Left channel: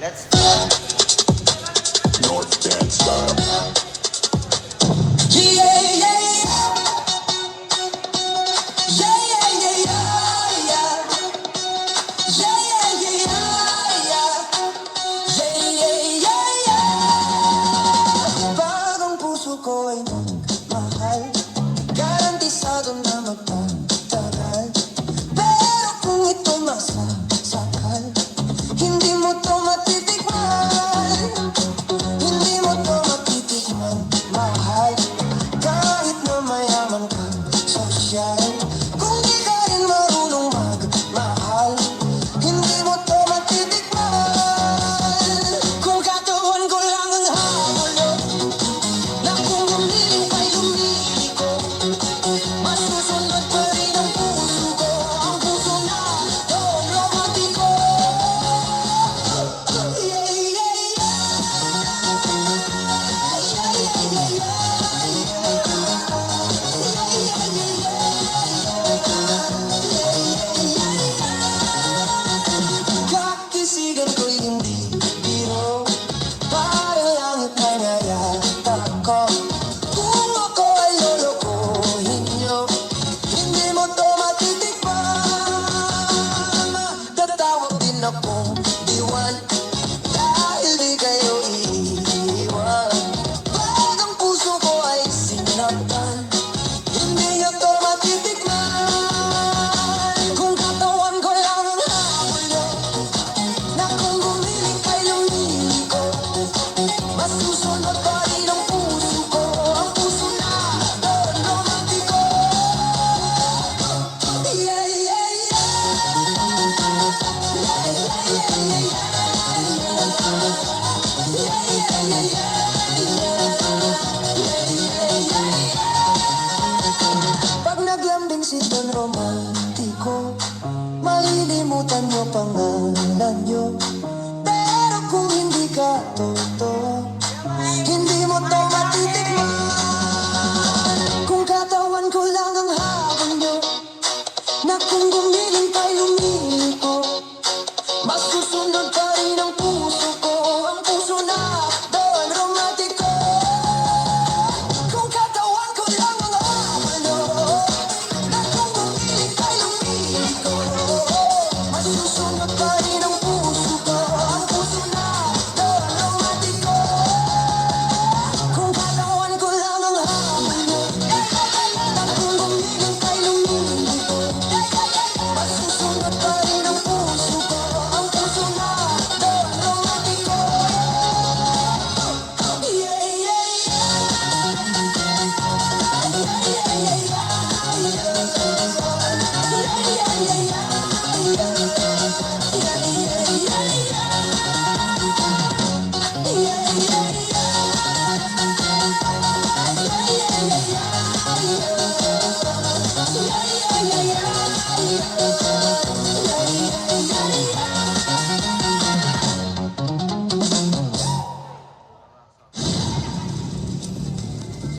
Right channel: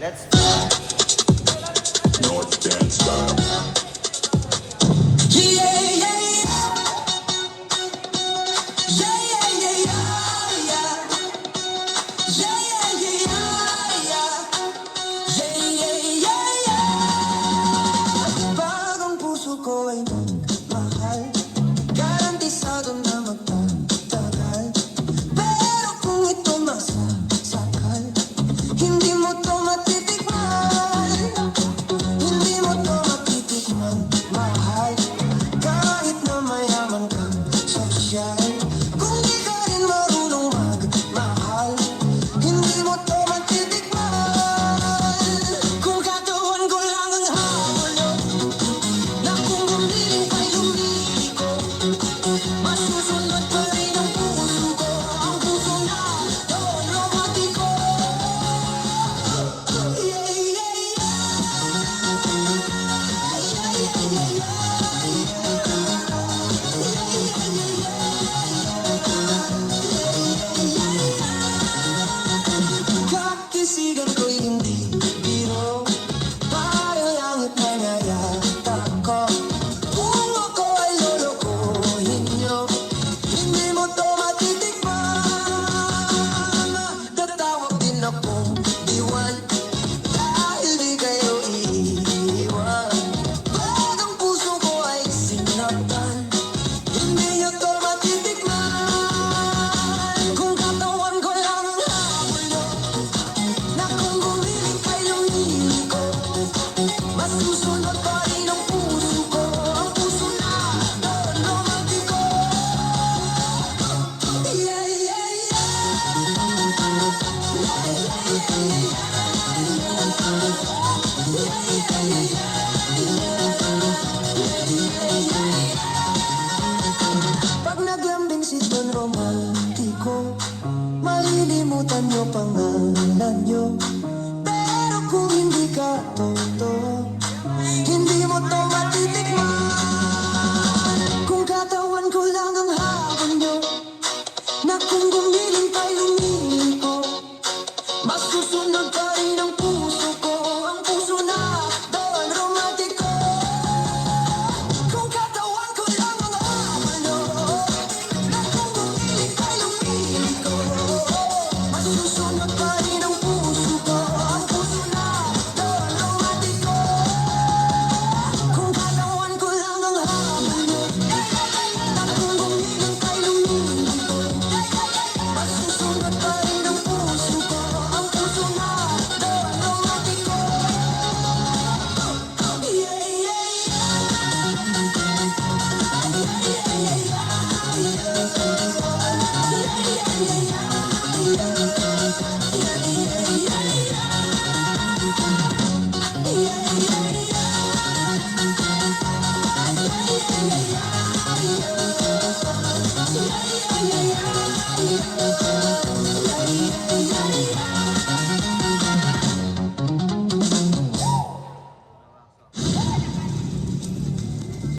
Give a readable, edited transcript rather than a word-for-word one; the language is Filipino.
Let's start. North Dance Style. Yeah, yeah, yeah, yeah, yeah, yeah, yeah. Yeah, yeah, yeah, yeah. Yeah, yeah, yeah, yeah. Bagong puso ko ay mahal, garantisado na magtatagal. Pero kung ito masasakal, hindi mo to matitikman. Hindi mo to matitikman, mahal. Kahit na mayaman kang sosyal, kung di ka rin marunong magmahal, hindi mo to matitikman. Kung katawan ko lang ang hamulo, na kung humiling kay lumiliko, masusunod pa rin ang puso ko, ang puso na doon romantiko. Yeah, yeah, yeah. Kakisigan ko'y hindi biro, parang langit na nayatap ko. Kung ako ay lolokohin niyo, hindi mo to matitikman. Tatawag din akong diwan, dahil di kayo iiwan. Pag ang puso ko ay sinaktan, hindi niyo to matitikman. Kung katawan ko lang ang hamulo, na kung gumiling kay lumiliko, masusunod pa rin ang puso ko, ang puso na doon romantiko. Yeah, yeah, yeah. Yeah, yeah, yeah, yeah.